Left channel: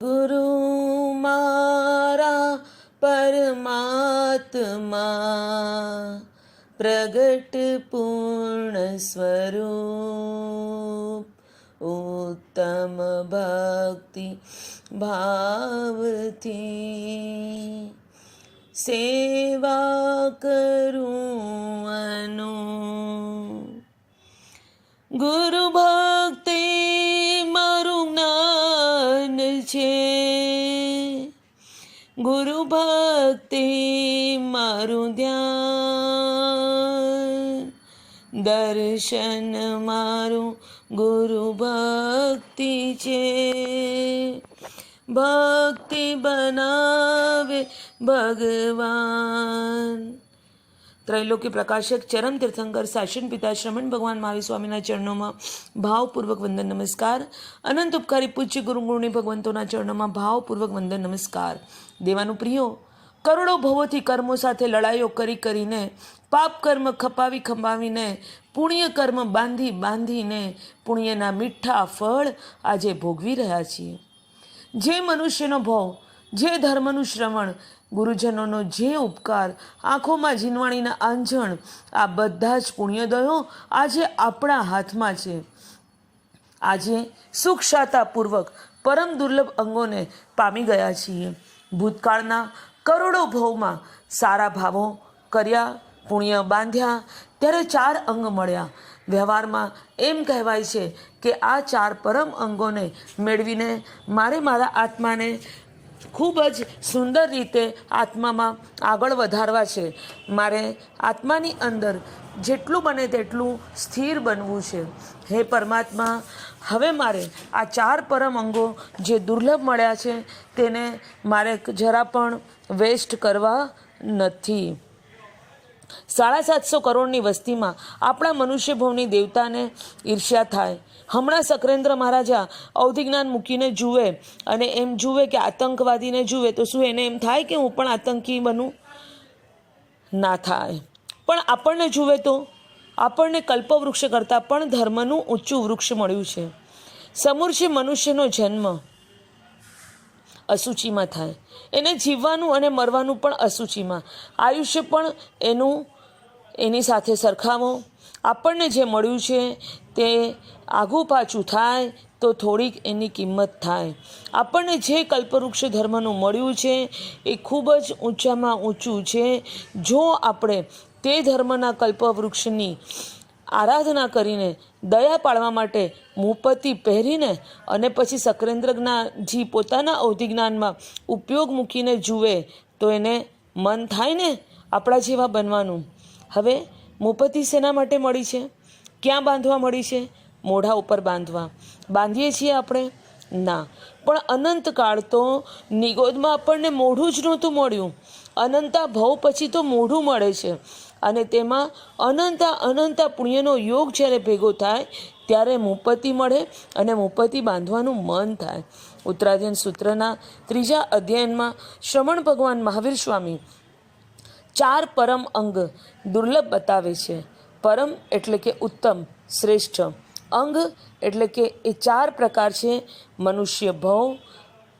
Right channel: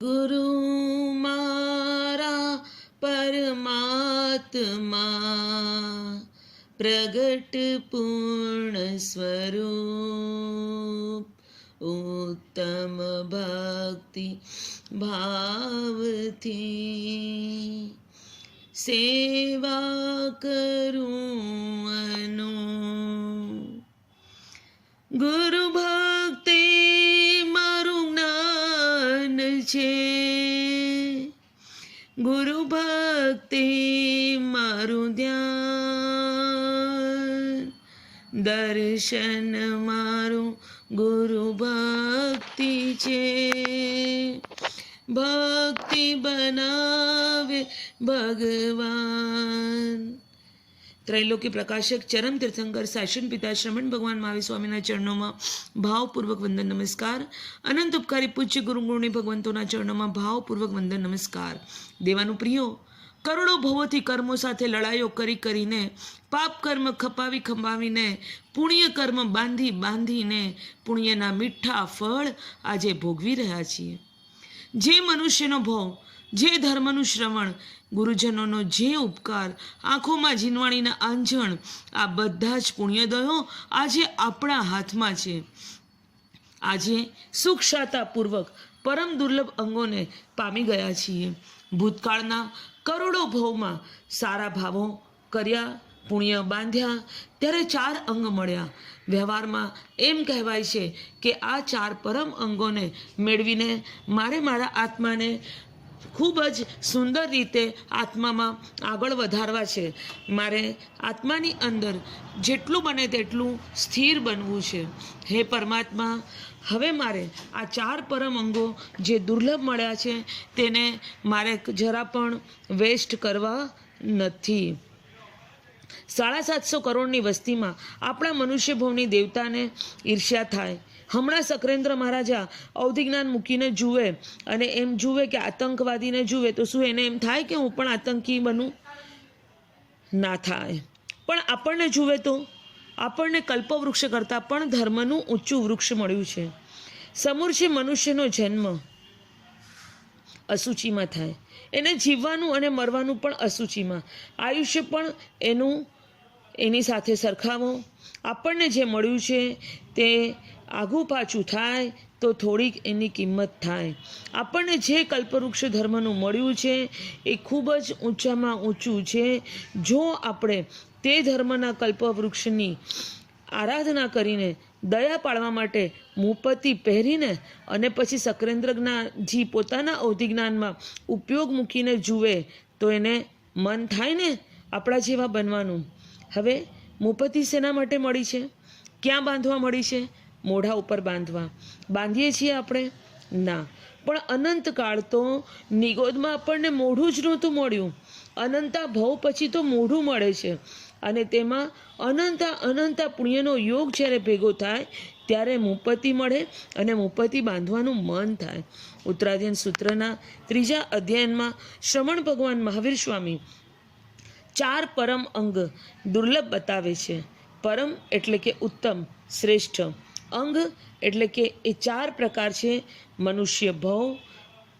ગુરુ મારા પરમાત્મા પ્રગટ પૂર્ણ સ્વરૂપ ઉત્તમ ભક્તિ ભાવથી સેવા કરું ગુરુ ભક્તિ છે. ગુરુ ભક્તિ મારું ધ્યાન. દર્શન મારું ગુરુ ભક્તિ છે. ભક્તિ બનાવે ભગવાન. ત્રૈલોક્ય પ્રકાશક ચરમ તીર્થંકર શાસન પિતા શ્રમણ ભગવાન મહાવીર સ્વામીના ચરણોમાં ભાવપૂર્વક વંદન નમસ્કાર અનંત ઉપકારી પૂજ્ય ગુરુ ગુરુણી ભગવંતોના ચરણોમાં ભાવપૂર્વક વંદન નમસ્કાર દેવાનું પ્રિયો કરોડો ભવોથી કર્મો સાથે લડાઈઓ કરી કરીને, પાપ કર્મ ખપાવી ખંભાવીને, પુણ્ય કર્મ બાંધી બાંધીને, પુણ્યના મીઠા ફળ આજે ભોગવી રહ્યા છીએ. જે મનુષ્યનો ભાવ જે ધર્મનું શ્રવણ, ગુરુજનોનો જે ઉપકાર, આંખોમાં જીનવાણીના આંજણ, આ બધા જ પુણ્યદયો આજે આપણા હાથમાં છે. આજે સુખશાતાપૂર્વક પરમ દુર્લભ અંગોને પામી ગયા છીએ. ભૂતકાળના કરોડો ભાવમાં સારા ભાવો કર્યા, પુણ્ય બાંધ્યા, ત્યારે ચાર અંગ મળ્યા. વ્યવહારમાં એમ કહેવાય છે કે આ ચાર પરમ અંગોને મેળવીને મારે મારા આત્માને ખૂબ જ સુંદર રીતે આત્મામાં આગળ વધારવા છે. મારે આત્માની અંદર જેટલું બને તેટલું સ્થિર બનવું છે. હે પરમાત્મા, હવે મારે આ ચાર પરમ અંગો જે દુર્લભ મળ્યા છે તેને મારે જરા પણ વેસ્ટ કરવા નથી. સાડા સાતસો કરોડની વસ્તીમાં આપણા મનુષ્યભવની દેવતાને ઈર્ષ્યા થાય. હમણાં સકરેન્દ્ર મહારાજા અવધિજ્ઞાન મૂકીને જુએ અને એમ જુએ કે આતંકવાદીને જુએ, તો શું એને એમ થાય કે હું પણ આતંકી બનું? ના થાય. પણ આપણને જુએ તો? આપણને કલ્પવૃક્ષ કરતાં પણ ધર્મનું ઊંચું વૃક્ષ મળ્યું છે. સમૂર છે મનુષ્યનો જન્મ. અસૂચિમાં થાય. એને જીવવાનું અને મરવાનું પણ અસૂચિમાં આયુષ્ય પણ એનું, એની સાથે સરખાવો. આપણને જે મળ્યું છે તે આઘું પાછું થાય તો થોડીક એની કિંમત થાય. આપણને જે કલ્પવૃક્ષ ધર્મનું મળ્યું છે એ ખૂબ જ ઊંચામાં ઊંચું છે. જો આપણે તે ધર્મના કલ્પવૃક્ષની આરાધના કરીને દયા પાડવા માટે મુપતિ પહેરીને અને પછી સકરેન્દ્રજી પોતાના અવધિજ્ઞાનમાં ઉપયોગ મૂકીને જુએ તો એને મન થાય ને આપણા જેવા બનવાનું. હવે મુપતિ શેના માટે મળી છે. ક્યાં બાંધવા મળી છે? મોઢા ઉપર બાંધવા. બાંધીએ છીએ આપણે? ના. પણ અનંતકાળ તો નિગોદમાં આપણને મોઢું જ નહોતું મળ્યું. અનંતા ભવ પછી તો મોઢું મળે છે. અને તેમાં અનંતા અનંતા પુણ્યનો યોગ જ્યારે ભેગો થાય, ત્યારે મુપતિ મળે અને મુપતિ બાંધવાનું મન થાય. ઉત્તરાધ્યન સૂત્રના ત્રીજા અધ્યયનમાં શ્રમણ ભગવાન મહાવીર સ્વામી ચાર પરમ અંગ દુર્લભ બતાવે છે. પરમ એટલે કે ઉત્તમ, શ્રેષ્ઠ. અંગ એટલે કે એ ચાર પ્રકાર છે. મનુષ્ય ભવ,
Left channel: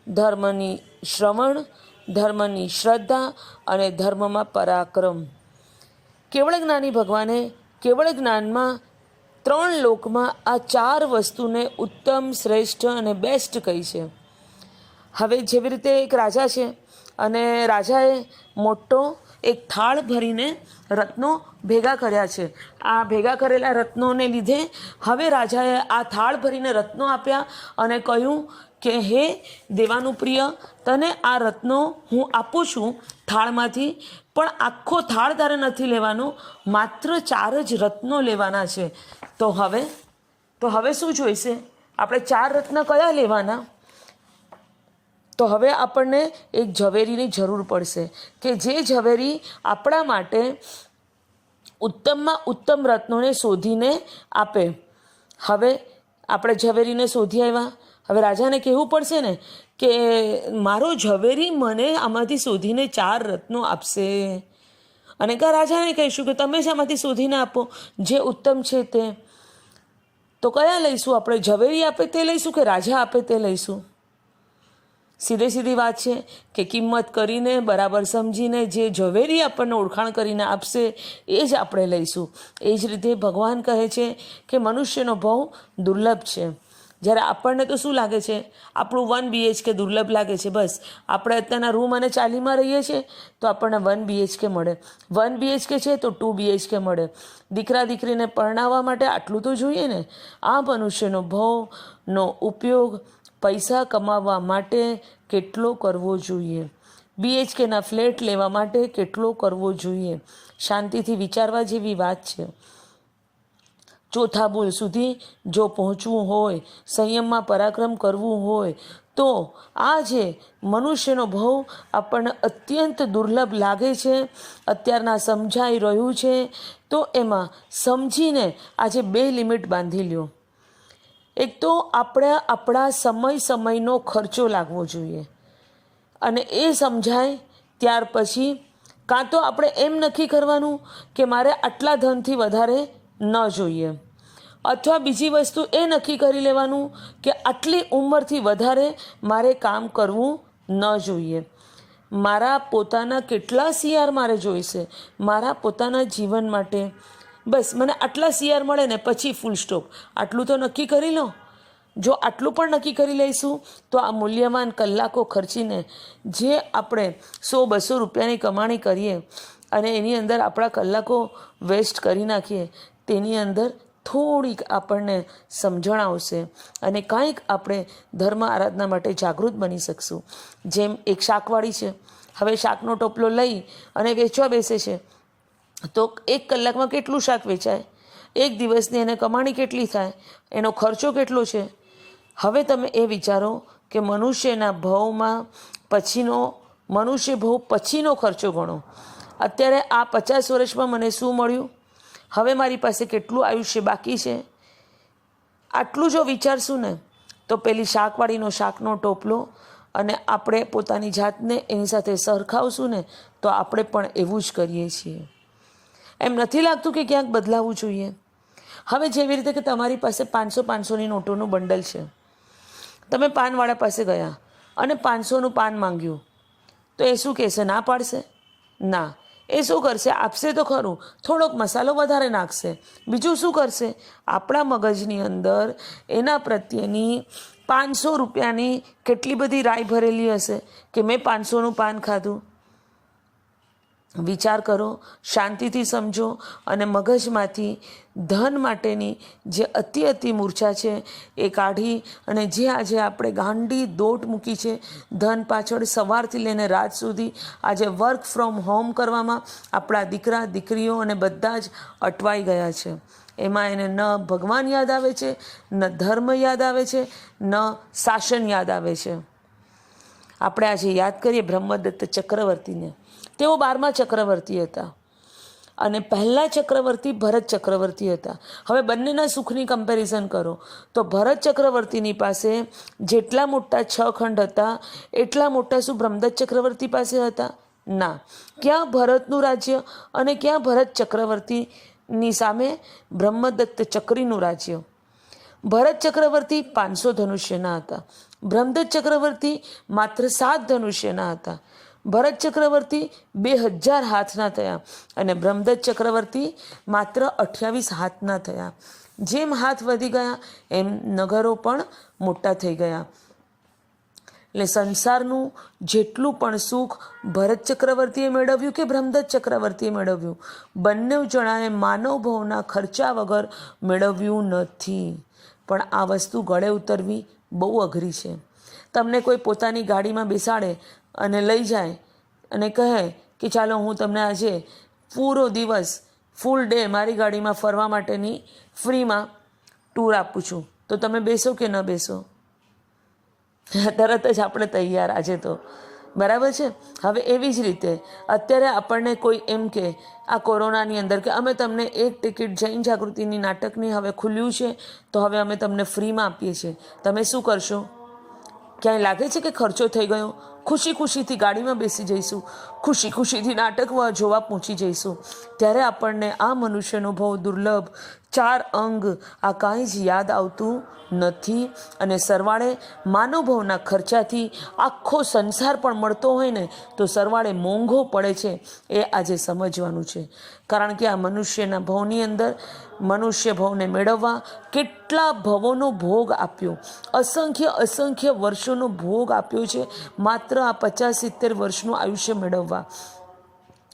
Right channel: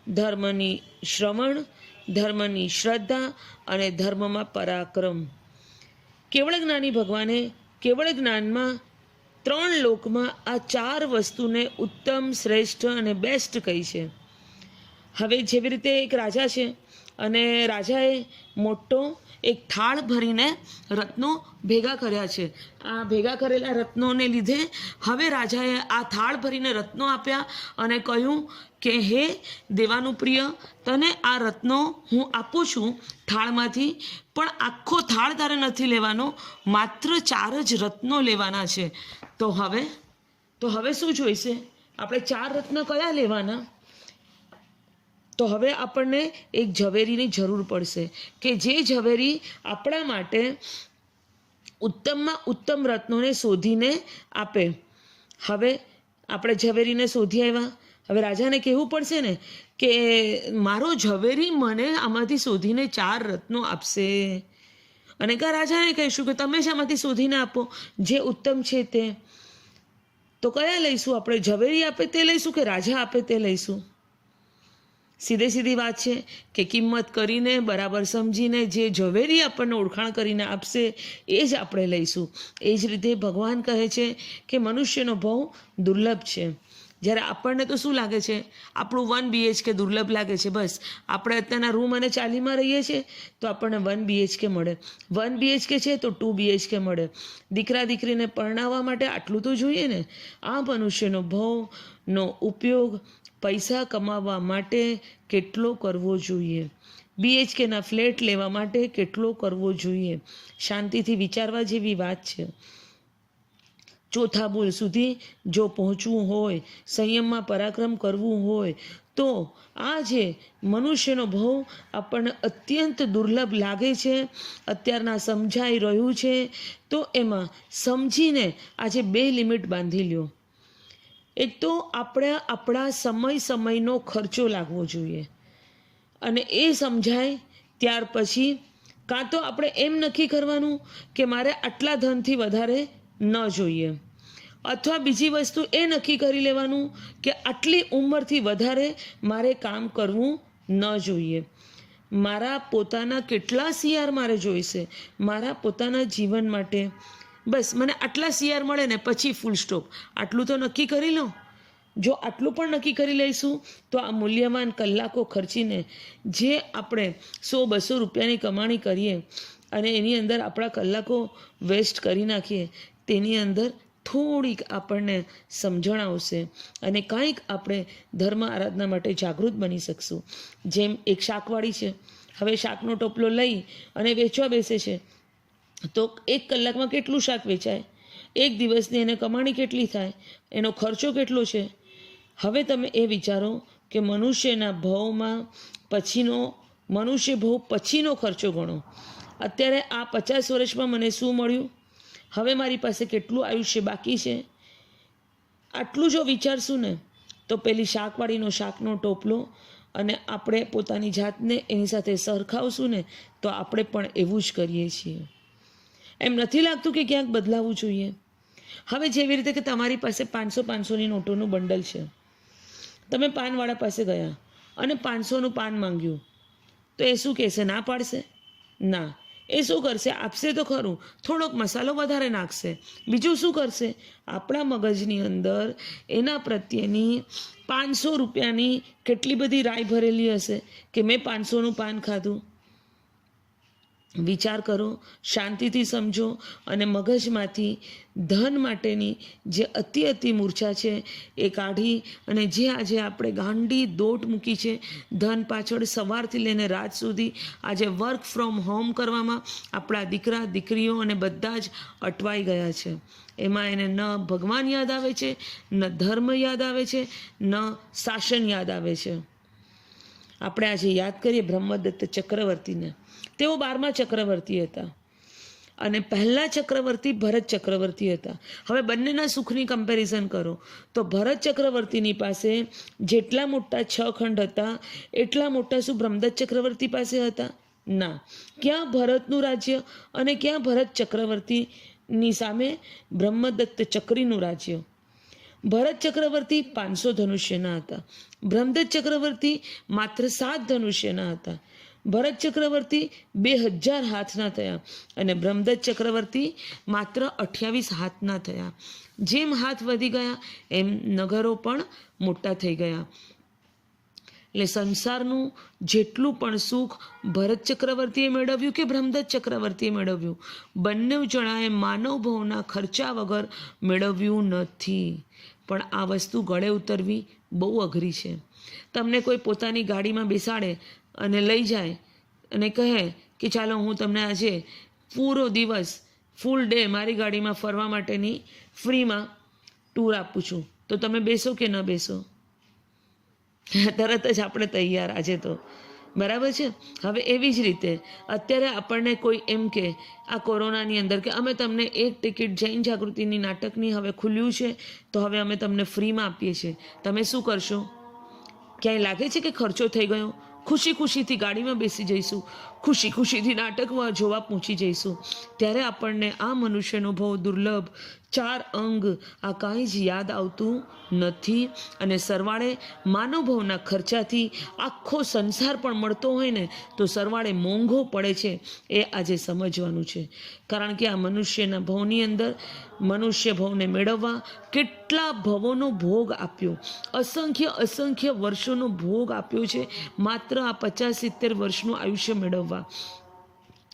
ધર્મની શ્રવણ, ધર્મની શ્રદ્ધા અને ધર્મમાં પરાક્રમ. કેવળ જ્ઞાની ભગવાને કેવળ જ્ઞાનમાં ત્રણ લોકમાં આ ચાર વસ્તુને ઉત્તમ, શ્રેષ્ઠ અને બેસ્ટ કહી છે. હવે જેવી રીતે એક રાજા છે અને રાજાએ મોટો એક થાળ ભરીને રત્નો ભેગા કર્યા છે. આ ભેગા કરેલા રત્નોને લીધે હવે રાજાએ આ થાળ ભરીને રત્નો આપ્યા અને કહ્યું કે, હે દેવાનું પ્રિય, તને આ રત્નો હું આપું છું થાળમાંથી, પણ આખો થાળ તારે નથી લેવાનો, માત્ર ચાર જ રત્નો લેવાના છે. તો હવે તો હવે શું જોઈશે? આપણે ચાર રત્ન કયા લેવાના? તો હવે આપણને એક ઝવેરીની જરૂર પડશે કે જે ઝવેરી આપણા માટે ઉત્તમમાં ઉત્તમ રત્નોને શોધીને આપે. હવે આપણે ઝવેરીને શોધી આવ્યા. હવે રાજાને કહેવું પડશે ને કે મારો ઝવેરી મને આમાંથી શોધીને ચાર રત્નો આપશે. અને કા રાજાને કહીશું કે તમે જ આમાંથી શોધીને આપો? જે ઉત્તમ છે તે. તો કયા લઈશું? આપણે ઝવેરી આપે તે લઈશું કે રાજા આપે તે લઈશું? સીધે સીધી વાત છે કે કિંમત કરીને, બરાબર સમજીને, જે ઝવેરી આપણને ઓળખાણ કરીને આપશે, એ જ આપણે લઈશું. એ જ રીતે ભગવાન કહે છે કે મનુષ્યનો ભાવ દુર્લભ છે. જ્યારે આપણને તો શું લાગે છે? આપણું વન બીએચકે દુર્લભ લાગે છે, બસ. આપણે અત્યારના રૂમ અને ચાલીમાં રહીએ છીએ, તો આપણને વન બીએચકે મળે. વન બીએચકે છે તો ટુ બીએચકે મળે. દીકરા દીકરીને પરણાવવા માટે આટલું તો જોઈએ ને? આ મનુષ્યનો ભાવનો ઉપયોગ પૈસા કમાવવા માટે કેટલો કરવો જોઈએ? બીએચકેના ફ્લેટ લેવા માટે કેટલો કરવો જોઈએ? શાંતિથી વિચારવા જેવી વાત છે. ચોથા બોલ સુધી જો પહોંચવું હોય, સંયમમાં પરાક્રમ કરવું હોય, તો આ જે મનુષ્યનો ભાવ આપણને અત્યંત દુર્લભ લાગે છે, અત્યારના સમજાઈ રહ્યું છે, તો એમાં સમજીને આજે બે લિમિટ બાંધી લ્યો. એક તો આપણે આપણા સમય સમયનો ખર્ચો લાગવો જોઈએ. અને એ સમજાય ત્યાર પછી કાં તો આપણે એમ નક્કી કરવાનું કે મારે આટલા ધનથી વધારે ન જોઈએ. અથવા બીજી વસ્તુ એ નક્કી કરી લેવાનું કે આટલી ઉંમરથી વધારે મારે કામ કરવું ન જોઈએ. મારા પોતાના કેટલા સીઆર મારે જોઈશે? મારા પોતાના જીવન માટે બસ, મને આટલા સીઆર મળે ને પછી ફૂલ સ્ટોપ આટલું તો નક્કી કરી લો. જો આટલું પણ નક્કી કરી લઈશું, તો આ મૂલ્યવાન કલાકો ખર્ચીને જે આપણે સો બસો રૂપિયાની કમાણી કરીએ અને એની અંદર આપણા કલાકો વેસ્ટ કરી નાખીએ, તેની અંદર થોડીક આપણને સમજણ આવશે અને કાંઈક આપણે ધર્મ આરાધના માટે જાગૃત બની શકશું. જેમ એક શાકવાળી છે, હવે શાકનો ટોપલો લઈ અને વેચવા બેસે છે. તો એક કલાકમાં કેટલું શાક વેચાય? એક દિવસની એને કમાણી કેટલી થાય? એનો ખર્ચો કેટલો છે? હવે તમે એ વિચારો કે મનુષ્યના ભાવમાં પછીનો, મનુષ્ય ભાવ પછીનો ખર્ચો ગણો. અત્યારે આ પચાસ વર્ષમાં મને શું મળ્યું? હવે મારી પાસે કેટલું આયુષ્ય બાકી છે? આટલું જો વિચારશું ને, તો પેલી શાકવાળીનો શાકનો ટોપલો અને આપણે પોતાની જાતને એની સાથે સરખાવશું ને, તો આપણે પણ એવું જ કરીએ છીએ. એમ નથી લાગતું કે ક્યાંક બદલાવવું જોઈએ? હવે જેવી રીતે કે તમારી પાસે પાંચસો પાંચસોની નોટોનું બંડલ છે. તમે પાનવાળા પાસે ગયા અને પાંચસોનું પાન માંગ્યું. તો એ શું કહેશે? ના પાડશે? ના. એ શું કરશે? આપશે તો ખરું. થોડોક મસાલો વધારે નાખશે. બીજું શું કરશે? આપણા મગજની અંદર એના પ્રત્યેની પાંચસો રૂપિયાની કેટલી બધી રાય ભરેલી હશે કે મેં પાંચસોનું પાન ખાધું? વિચાર કરો, શાંતિથી સમજો અને મગજમાંથી ધન માટેની જે અતિ અતિ મૂર્છા છે એ કાઢી અને જે આજે આપણે ગાંડી દોટ મૂકી છે, ધન પાછળ સવારથી લઈને રાત સુધી આજે વર્ક ફ્રોમ હોમ કરવામાં આપણા દીકરા, દીકરીઓ અને બધા જ અટવાઈ ગયા છે. એમાં એને ન ભગવાન યાદ આવે છે, ન ધર્મ યાદ આવે છે, ન શાસન યાદ આવે છે. આપણે આજે યાદ કરીએ બ્રહ્મદત્ત ચક્રવર્તીને. તેઓ બારમા ચક્રવર્તી હતા. અને પહેલાં ચક્રવર્તી ભરત ચક્રવર્તી હતા. હવે બંનેના સુખની કમ્પેરિઝન કરો. તો ભરત ચક્રવર્તીની પાસે જેટલા મોટા છ ખંડ હતા, એટલા મોટા શું બ્રહ્મદત્ત ચક્રવર્તી પાસે હતા? ના. ક્યાં ભરતનું રાજ્ય અને ક્યાં ભરત ચક્રવર્તીની સામે બ્રહ્મદત્ત ચક્રીનું રાજ્ય? ભરત ચક્રવર્તી પાંચસો ધનુષ્યના હતા. બ્રહ્મદત્ત ચક્રવર્તી માત્ર સાત ધનુષ્યના હતા. ભરત ચક્રવર્તી બે હજાર હાથના થયા અને બ્રહ્મદત્ત ચક્રવર્તી માત્ર અઠ્યાવીસ હાથના થયા. જેમ હાથ વધી ગયા, એમ નગરો પણ મોટા થઈ ગયા. એટલે સંસારનું જેટલું પણ સુખ ભરત ચક્રવર્તીએ મેળવ્યું કે બ્રહ્મદત્ત ચક્રવર્તીએ મેળવ્યું? બંને જણાએ માનવ ભવના ખર્ચા વગર મેળવ્યું નથી. પણ આ વસ્તુ ગળે ઉતરવી બહુ અઘરી છે. તમને કોઈ પોતાની ગાડીમાં બેસાડે અને લઈ જાય અને કહે કે ચાલો હું તમને આજે પૂરો દિવસ ફૂલ ડે મારી ગાડીમાં ફરવા માટેની ફ્રીમાં ટૂર આપું છું. તો તમે બેસો કે ન બેસો? તરત જ આપણે તૈયાર આજે તો. બરાબર છે? હવે એવી જ રીતે અત્યારે આપણને કોઈ એમ કે આ કોરોનાની અંદર કે અમે તમને એક ટિકિટ જૈન જાગૃતિની નાટકની હવે ખુલ્યું છે, તો હવે અમે તમને ફ્રીમાં આપીએ છીએ. તમે શું કરશો? ક્યાંય લાગે છે કે ખર્ચો થઈ ગયો? ખુશી ખુશીથી ગાડીમાં બેસી જઈશું. ખુશી ખુશીથી નાટક જોવા પહોંચી જઈશું. ત્યારે આપણને આ મનુષ્યનો ભવ દુર્લભ ચાર અંગ આ કાંઈ જ યાદ આવતું નથી. અને સરવાળે માનવભવના ખર્ચાથી આખો સંસાર પણ મળતો હોય ને, તો સરવાળે મોંઘો પડે છે એ આજે સમજવાનું છે. કારણ કે આ મનુષ્યના ભવની અંદર મનુષ્ય ભવને મેળવવા કેટલા ભવોનો ભોગ આપ્યો. અસંખ્ય અસંખ્ય વર્ષોનો ભોગ આપ્યો છે. માત્ર આ પચાસ સિત્તેર વર્ષનું આયુષ્ય મેળવવા.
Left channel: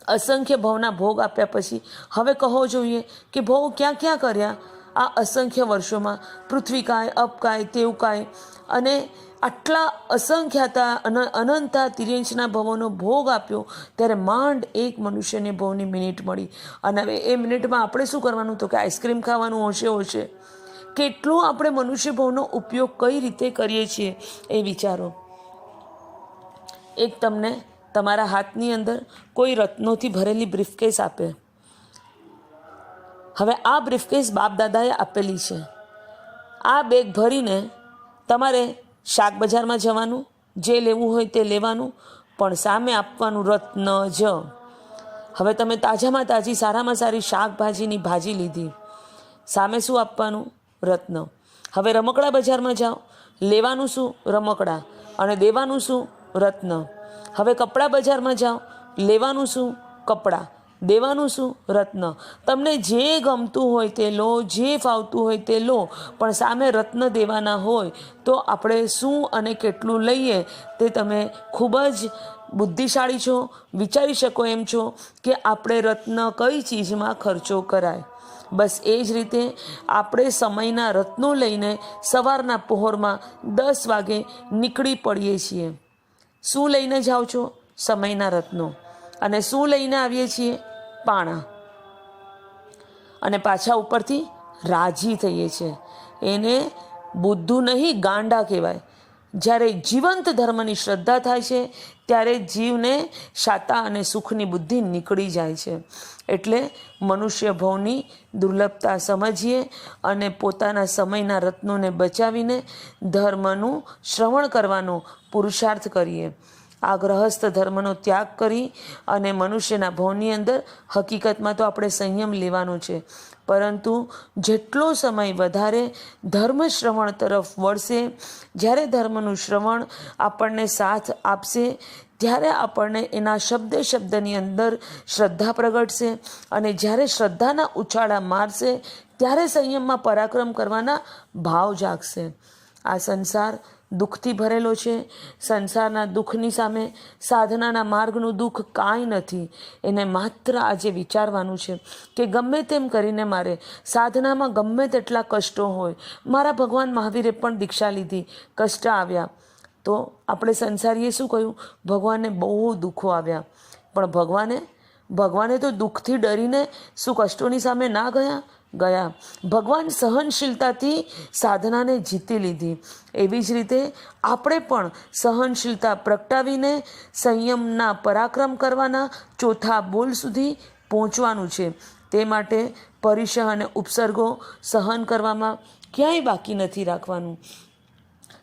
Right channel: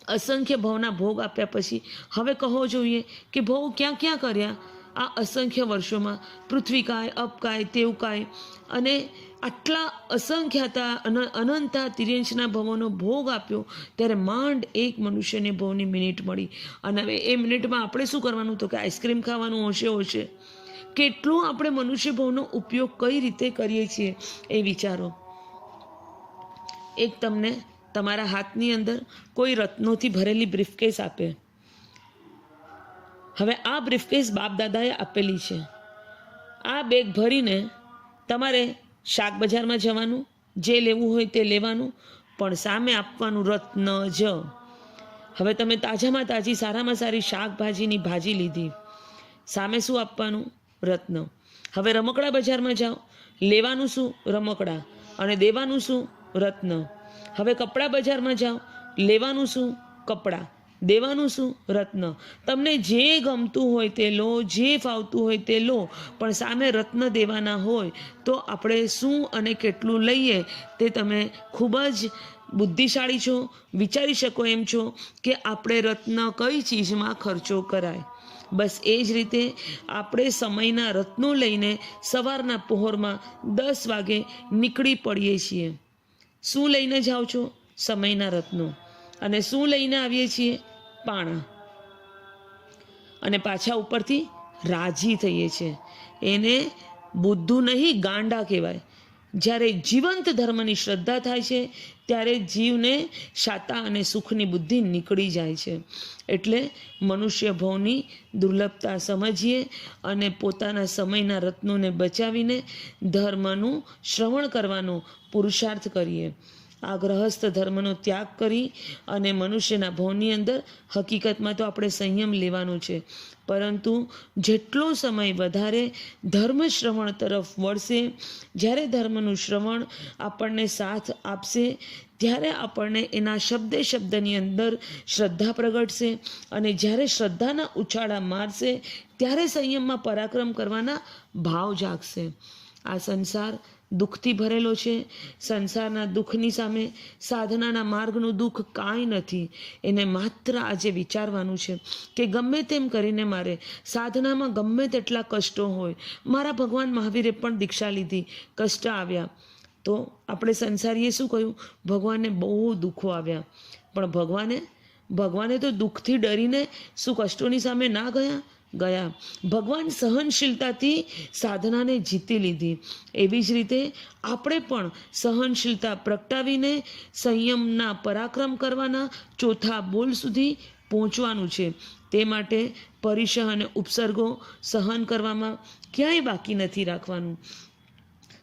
અસંખ્ય ભવના ભોગ આપ્યા પછી હવે કહો જોઈએ કે ભવ ક્યાં ક્યાં કર્યા? આ અસંખ્ય વર્ષોમાં પૃથ્વીકાય અપકાય તેવકાય અને આટલા અસંખ્યાતા અન- અનંતા તિર્યંશના ભવોનો ભોગ આપ્યો ત્યારે માંડ એક મનુષ્યને ભવની મિનિટ મળી. અને હવે એ મિનિટમાં આપણે શું કરવાનું? તો કે આઈસ્ક્રીમ ખાવાનું હશે હશે. કેટલો આપણે મનુષ્ય ભવનો ઉપયોગ કઈ રીતે કરીએ છીએ એ વિચારો. એક તમને તમારા હાથની અંદર કોઈ રત્નોથી ભરેલી બ્રીફકેસ આપે. હવે આ બ્રીફકેસ બાપ દાદાએ આપેલી છે. આ બેગ ભરીને તમારે શાક બજારમાં જવાનું, જે લેવું હોય તે લેવાનું, પણ સામે આપવાનું રત્ન જ. હવે તમે તાજામાં તાજી, સારામાં સારી શાકભાજીની ભાજી લીધી. સામે શું આપવાનું? રત્ન. હવે રમકડા બજારમાં જાઓ. લેવાનું શું? રમકડા. અને દેવાનું શું? રત્ન. હવે કપડાં બજારમાં જાઓ. લેવાનું શું? કપડાં. દેવાનું શું? રત્ન. તમને જે ગમતું હોય તે લો, જે ફાવતું હોય તે લો, પણ સામે રત્ન દેવાના હોય તો આપણે શું અને કેટલું લઈએ તે તમે ખૂબ જ બુદ્ધિશાળી છો, વિચારી શકો એમ છો કે આપણે રત્ન કઈ ચીજમાં ખર્ચો કરાય. બસ એ જ રીતે આપણે સમયના રત્નો લઈને સવારના પહોરમાં દસ વાગે નીકળી પડીએ છીએ. શું લઈને જાઓ છો? સમયના રત્નો અને શું લઈને આવીએ છીએ? પાણા. અને પાછા ઉપરથી રાજી થઈએ છીએ. એને બુદ્ધુ નહીં, ગાંડા કહેવાય. જ્યારે જીવંત ધર્મની શ્રદ્ધા થાય છે, ત્યારે જીવને શાતા અને સુખની બુદ્ધિ નીકળી જાય છે. એટલે મનુષ્ય ભવની દુર્લભતા સમજીએ અને પોતાના સમયના રત્નોને બચાવીને ધર્મનું શ્રવણ કરવાનો પુરુષાર્થ કરીએ. આ ગ્રહસ્થ ધર્મનો ત્યાગ કરી અને મનુષ્યના ભવની અંદર હકીકતમાં તો આપણે સંયમ લેવાનો છે. પરંતુ જેટલો સમય વધારે ધર્મ શ્રવણ તરફ વળશે, જ્યારે ધર્મનું શ્રવણ આપણને સાથ આપશે, ત્યારે આપણને એના શબ્દે શબ્દની અંદર શ્રદ્ધા પ્રગટશે અને જ્યારે શ્રદ્ધાના ઉછાળા મારશે, ત્યારે સંયમમાં પરાક્રમ કરવાના ભાવ જાગશે. આ સંસાર દુઃખથી ભરેલો છે. સંસારના દુઃખની સામે સાધનાના માર્ગનું દુઃખ કાંઈ નથી. એને માત્ર આજે વિચારવાનું છે કે ગમે તેમ કરીને મારે સાધનામાં ગમે તેટલા કષ્ટો હોય, મારા ભગવાન મહાવીરે પણ દીક્ષા લીધી, કષ્ટ આવ્યા. તો આપણે સંસારીએ શું કહ્યું ભગવાનને બહુ દુઃખો આવ્યા. પણ ભગવાને ભગવાને તો દુઃખથી ડરીને શું કષ્ટોની સામે ના ગયા? ગયા. ભગવાન સહનશીલતાથી સાધનાને જીતી લીધી. એવી જ રીતે આપણે પણ સહનશીલતા પ્રગટાવીને સંયમના પરાક્રમ કરવાના ચોથા બોલ સુધી પહોંચવાનું છે. તે માટે પરિસહ અને ઉપસર્ગો સહન કરવામાં ક્યાંય બાકી નથી રાખવાનું.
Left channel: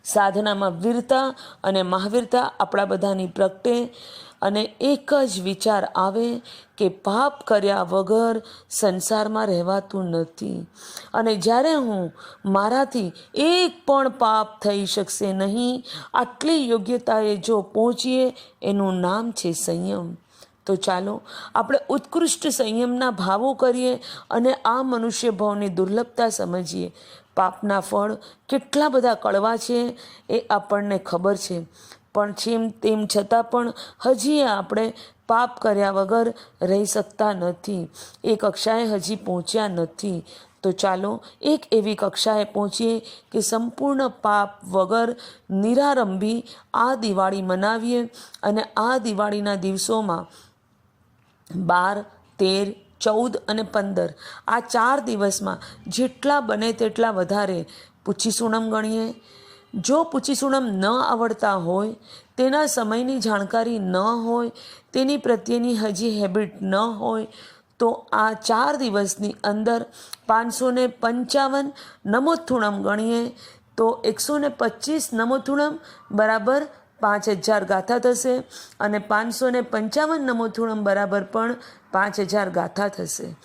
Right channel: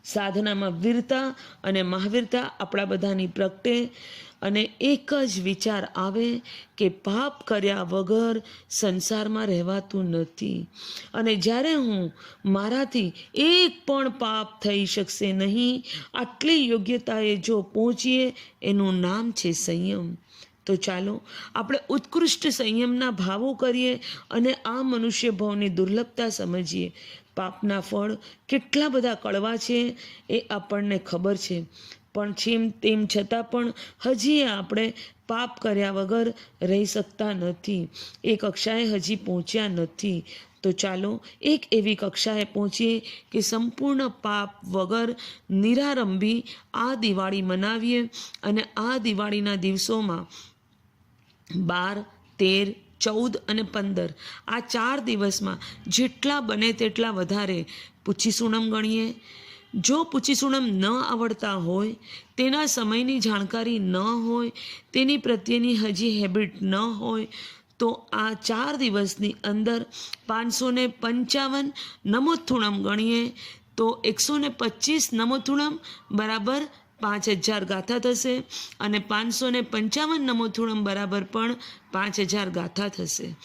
સાધનામાં વીરતા અને મહાવીરતા આપણા બધાની પ્રગટે અને એક જ વિચાર આવે કે પાપ કર્યા વગર સંસારમાં રહેવાતું નથી. અને જ્યારે હું મારાથી એક પણ પાપ થઈ શકશે નહીં, આટલી યોગ્યતાએ જો પહોંચીએ, એનું નામ છે સંયમ. તો ચાલો, આપણે ઉત્કૃષ્ટ સંયમના ભાવો કરીએ અને આ મનુષ્ય ભાવની દુર્લભતા સમજીએ. પાપના ફળ કેટલા બધા કડવા છે એ આપણને ખબર છે. પણ છેમ તેમ છતાં પણ હજી આપણે પાપ કર્યા વગર રહી શકતા નથી. એ કક્ષાએ હજી પહોંચ્યા નથી. તો ચાલો એક એવી કક્ષાએ પહોંચીએ કે સંપૂર્ણ પાપ વગર નિરારંભી આ દિવાળી મનાવીએ અને આ દિવાળીના દિવસોમાં બાર, તેર, ચૌદ અને પંદર આ ચાર દિવસમાં જેટલા બને તેટલા વધારે પૂછી સુણમ ગણીએ. જો પૂછીસુણમ ન આવડતા હોય, તેના સમયની જાણકારી ન હોય, તેની પ્રત્યેની હજી હેબિટ ન હોય, તો આ ચાર દિવસની અંદર પાંચસો ને પંચાવન નમોથુણમ ગણીએ, તો એકસો ને પચીસ નમોથુણમ બરાબર પાંચ હજાર ગાથા થશે અને પાંચસો ને પંચાવન નમોથુણમ બરાબર પણ પાંચ હજાર ગાથા થશે.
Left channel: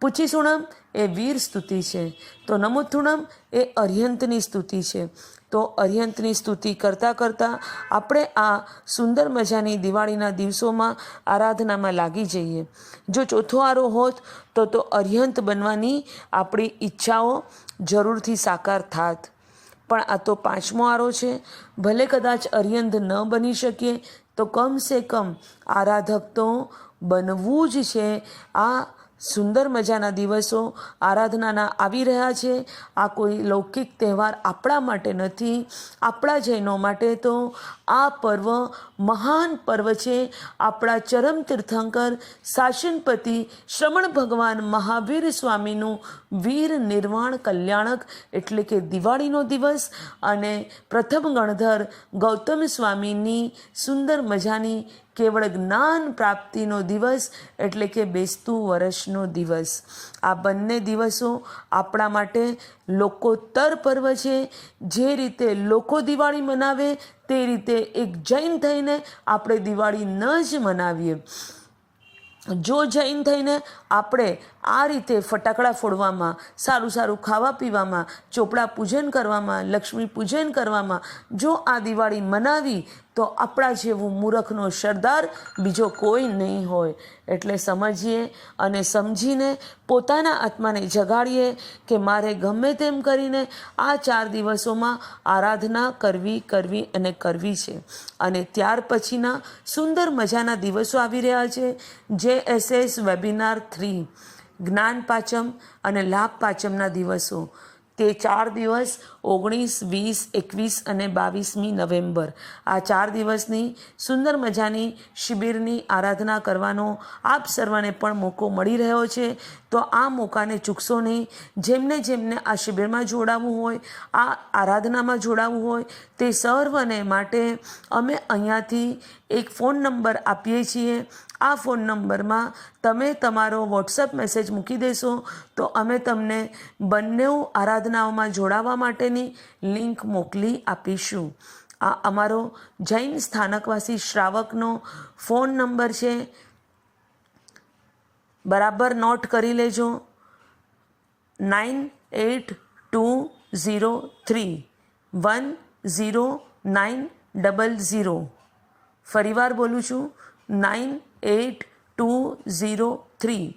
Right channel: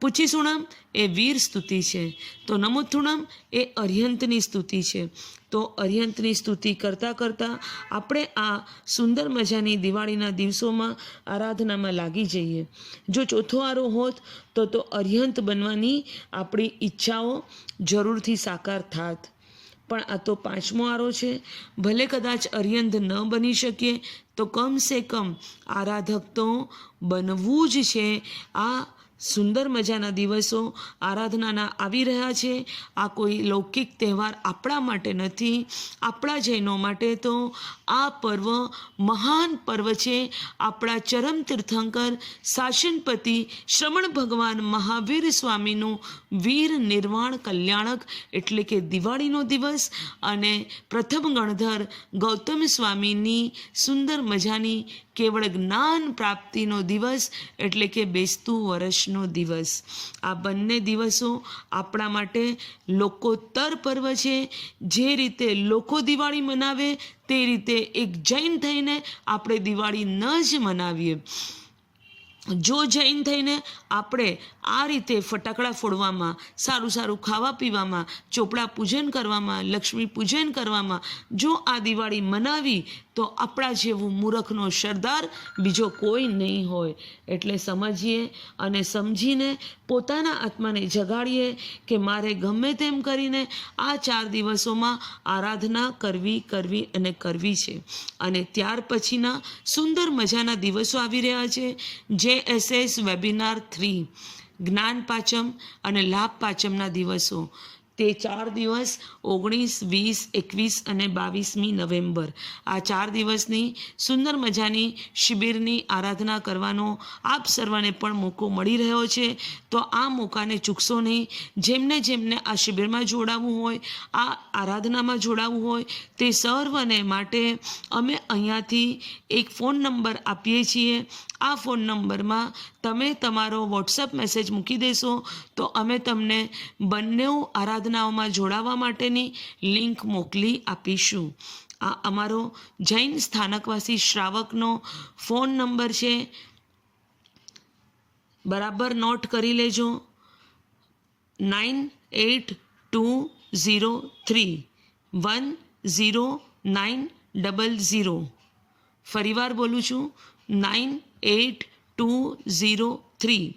પૂછીસુણમ એ વીર સ્તુતિ છે. તો નમુથુણમ, એ અર્યંતની સ્તુતિ છે. તો અર્યંતની સ્તુતિ કરતાં કરતાં આપણે આ સુંદર મજાની દિવાળીના દિવસોમાં આરાધનામાં લાગી જઈએ. જો ચોથો આરો હોત, તો તો અર્યંત બનવાની આપણી ઈચ્છાઓ જરૂરથી સાકાર થાત. પણ આ તો પાંચમો આરો છે. ભલે કદાચ અર્યંત ન બની શકીએ, તો કમ સે કમ આરાધક તો બનવું જ છે. આ સુંદર મજાના દિવસો આરાધનાના આવી રહ્યા છે. આ કોઈ લૌકિક તહેવાર આપણા માટે નથી, આપણા જૈનો માટે તો આ પર્વ મહાન પર્વ છે. આપણા ચરમ તીર્થંકર શાસનપતિ શ્રમણ ભગવાન મહાવીર સ્વામીનું વીર નિર્વાણ કલ્યાણક એટલે કે દિવાળીનો દિવસ અને પ્રથમ ગણધર ગૌતમ સ્વામીની સુંદર મજાની કેવળ જ્ઞાન પ્રાપ્તિનો દિવસ એટલે કે બેસતું વર્ષનો દિવસ. આ બંને દિવસો આપણા માટે લોકોત્તર પર્વ છે. જે રીતે લોકો દિવાળી મનાવે, તે રીતે એક જૈન થઈને આપણે દિવાળી ન જ મનાવીએ. જો જૈન થઈને આપણે આ રીતે ફટાકડા ફોડવામાં, સારું સારું ખાવા પીવામાં, ચોપડા પૂજન કરવામાં, લક્ષ્મી પૂજન કરવામાં જો આ દિવાળી મનાવી તો આપણા જેવું મૂરખનો સરદાર બીજો કોઈ નહીં હોય. એટલે સમજીએ અને સમજીને પોતાના આત્માને જગાડીએ કે મારે ગમે તેમ કરીને આ ચાર દિવસોમાં આરાધના કરવી કરવી અને કરવી છે. અને ત્યાર પછીના સુંદર મજાના દિવસો આવી રહ્યા છે. જે એસ એસ વેબિનાર થ્રી. જ્ઞાન પાચમ અને લાભ પાચમના દિવસો. તે ચાર દિવસ ઓગણીસ, વીસ, એકવીસ અને બાવીસમી નવેમ્બર. આ ચાર દિવસની સુંદર મજાની શિબિરની આરાધના કરવાનો આપ સર્વને પણ મોકો મળી રહ્યો છે. તો આ મોકાને ચૂકશો નહીં. જેમને જેમને આ શિબિરમાં જોડાવવું હોય, આ આરાધનામાં જોડાવવું હોય, તે સર્વને માટે અમે અહીંયાથી એક ફોન નંબર આપીએ છીએ. આ ફોન નંબરમાં તમે તમારો વોટ્સઅપ મેસેજ મૂકી દેશો તો અમે તમને બંને આરાધનાઓમાં જોડાવા માટેની લિંક મોકલી આપીશું. આ અમારો જૈન સ્થાનકવાસી શ્રાવકનો ફોન નંબર છે. બરાબર નોટ કરી લેજો. Nine eight two zero three one zero nine double zero. ફરીવાર બોલું છું. Nine eight two zero three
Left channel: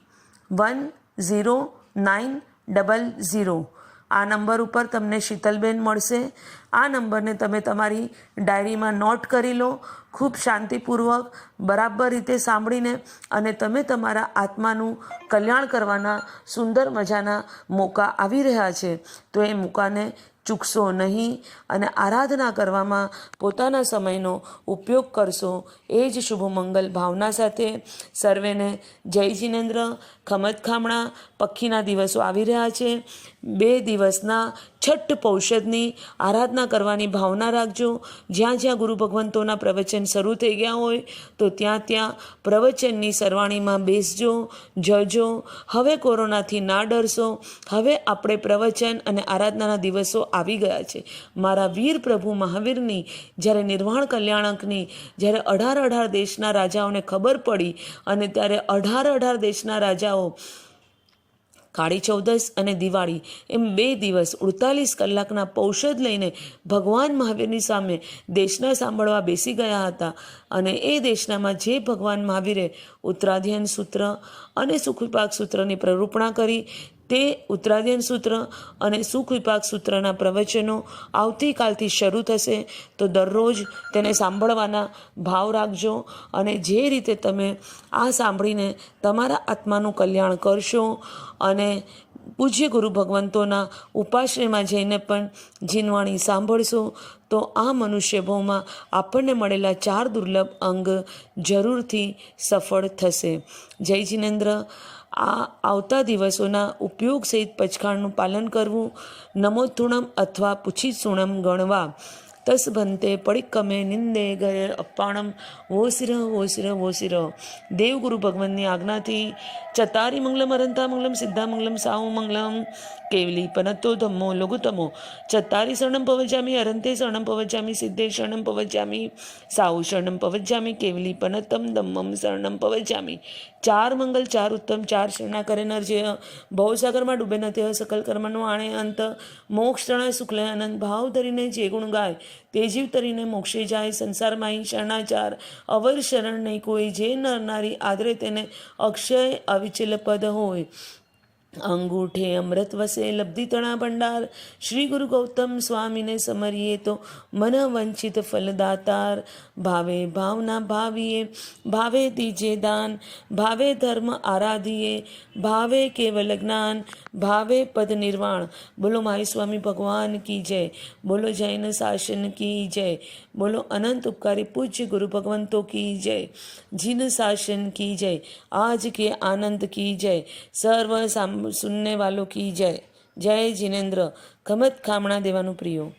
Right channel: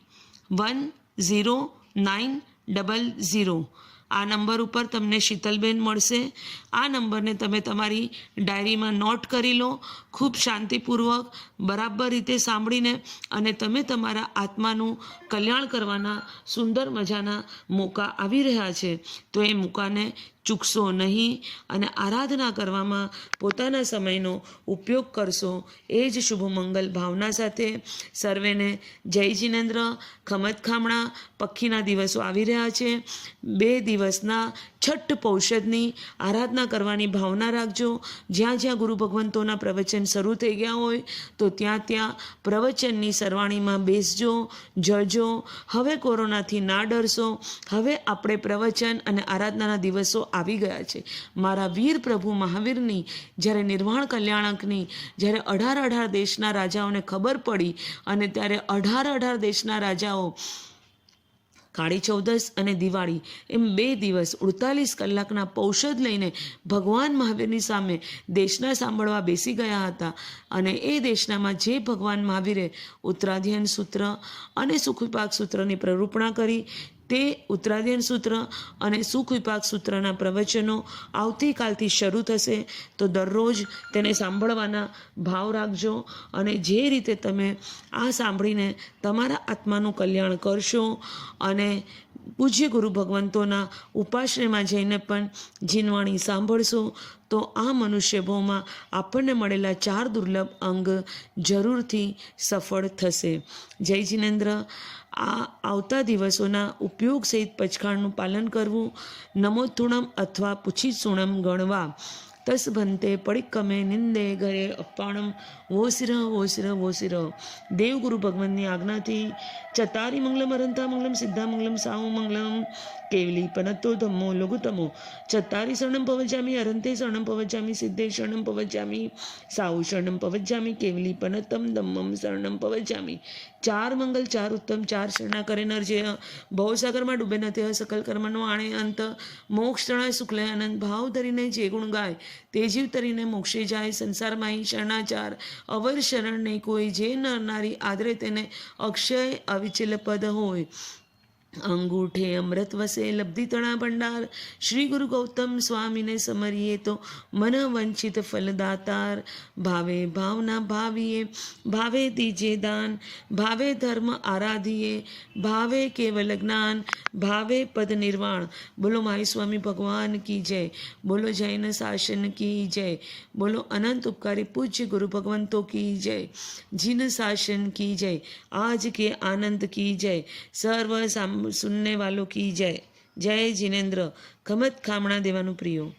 one zero nine double zero. આ નંબર ઉપર તમને શીતલબેન મળશે. આ નંબરને તમે તમારી ડાયરીમાં નોટ કરી લો. ખૂબ શાંતિપૂર્વક, બરાબર રીતે સાંભળીને અને તમે તમારા આત્માનું કલ્યાણ કરવાના, સુંદર મજાના મોકા આવી રહ્યા છે. તો એ મોકાને ચૂકશો નહીં અને આરાધના કરવામાં પોતાના સમયનો ઉપયોગ કરશો. એ જ શુભ મંગલ ભાવના સાથે સર્વેને જય જિનેન્દ્ર, ખમત ખામણા પક્ષીના દિવસો આવી રહ્યા છે. બે દિવસના છઠ્ઠ પૌષદની આરાધના કરવાની ભાવના રાખજો. જ્યાં જ્યાં ગુરુ ભગવંતોના પ્રવચન શરૂ થઈ ગયા હોય, તો ત્યાં ત્યાં પ્રવચનની સરવાણીમાં બેસજો, જજો. હવે કોરોનાથી ના ડરશો. હવે આપણે પ્રવચન અને આરાધનાના દિવસો આવી ગયા છે. મારા વીર પ્રભુ મહાવીરની જ્યારે નિર્વાણ કલ્યાણકની જ્યારે અઢાર અઢાર દેશના રાજાઓને ખબર પડી અને ત્યારે અઢાર અઢાર દેશના રાજાઓ કાળી ચૌદસ અને દિવાળી એમ બે દિવસ અડતાલીસ કલાકના પૌષધ લઈને ભગવાન મહાવીરની સામે દેશના સાંભળવા બેસી ગયા હતા અને એ દેશનામાં જે ભગવાન મહાવીરે ઉત્તરાધ્યયન સૂત્ર અને સુખવિપાક સૂત્રની પ્રરૂપણા કરી તે ઉત્તરાધ્યન સૂત્ર અને સુખ વિપાક સૂત્રના પ્રવચનો આવતીકાલથી શરૂ થશે. તો દરરોજ તેને સાંભળવાના ભાવ રાખજો અને જે રીતે તમે આ સાંભળીને તમારા આત્માનું કલ્યાણ કરશો અને પૂજ્ય ગુરુ ભગવંતોના ઉપાશ્રયમાં જઈને પણ જીનવાણી સાંભળશો, તો આ મનુષ્ય ભાવમાં આપણને મળેલા ચાર દુર્લભ અંગ જરૂરથી સફળ થશે. જય જિનેન્દ્ર. આ આવતા દિવસોના ઉપયોગ સહિત પચખાણનું પાલન કરવું નમોતુણમ અથવા પૂછી સુણમ ગણવા. તસ ભંતે પડિક્કમે નિંદે ઘરે અપ્પાણમ. વોસિર વોસિર વોસિર. દેવગુરુ ભગવાનની આજ્ઞાથી ચતારી મંગલમ અરંતા મંગલમ સિદ્ધા મંગલમ સાહુ મંગલમ કેવલી પનતો ધમ્મો લઘુતમો ચત્તારી શરણમ પવજામી અરંતે શરણમ પવજામી સિદ્ધે શરણમ પવજામી સાહુ શરણમ પવજામી કેવલી પનતમ ધમ્મમ શરણમ પવજામી ચાર મંગલ ચાર ઉત્તમ ચાર શરણા કરે નર જે ભવસાગરમાં ડૂબે ન તે સકલ કર્મનો આણે અંત મોક્ષ તણાય શુક્લ અનંત ભાવ ધરીને જે ગુણ ગાય તે જીવ તરીને મોક્ષે જાય, સંસારમાં અહીં શરણાચાર અવર શરણ નહીં કોઈ જે નરનારી આદરે તેને અક્ષય અવિચલ પદ હોય. અંગૂઠે અમૃત વસે, લબ્ધિ ભંડાર. શ્રી ગુરુ ગૌતમ સ્વામીને સમરીએ તો મન વંચિત ફલદાતાર. ભાવે ભાવના ભાવીએ, ભાવે દીજે દાન. ભાવે ધર્મ આરાધીએ, ભાવે કેવલ જ્ઞાન. ભાવે પદ નિર્વાણ. બોલો મારી સ્વામી ભગવાન કી જય. બોલો જૈન શાસન કી જય. બોલો અનંત ઉપકારી પૂજ્ય ગુરુ ભગવંતો કી જય. જીન શાસન કી જય. आज के आनंद की जय સર્વ સામ સુનને વાલો કી જય જય જિનેન્દ્ર ગમત ખામણા દેવાનું પ્રિયો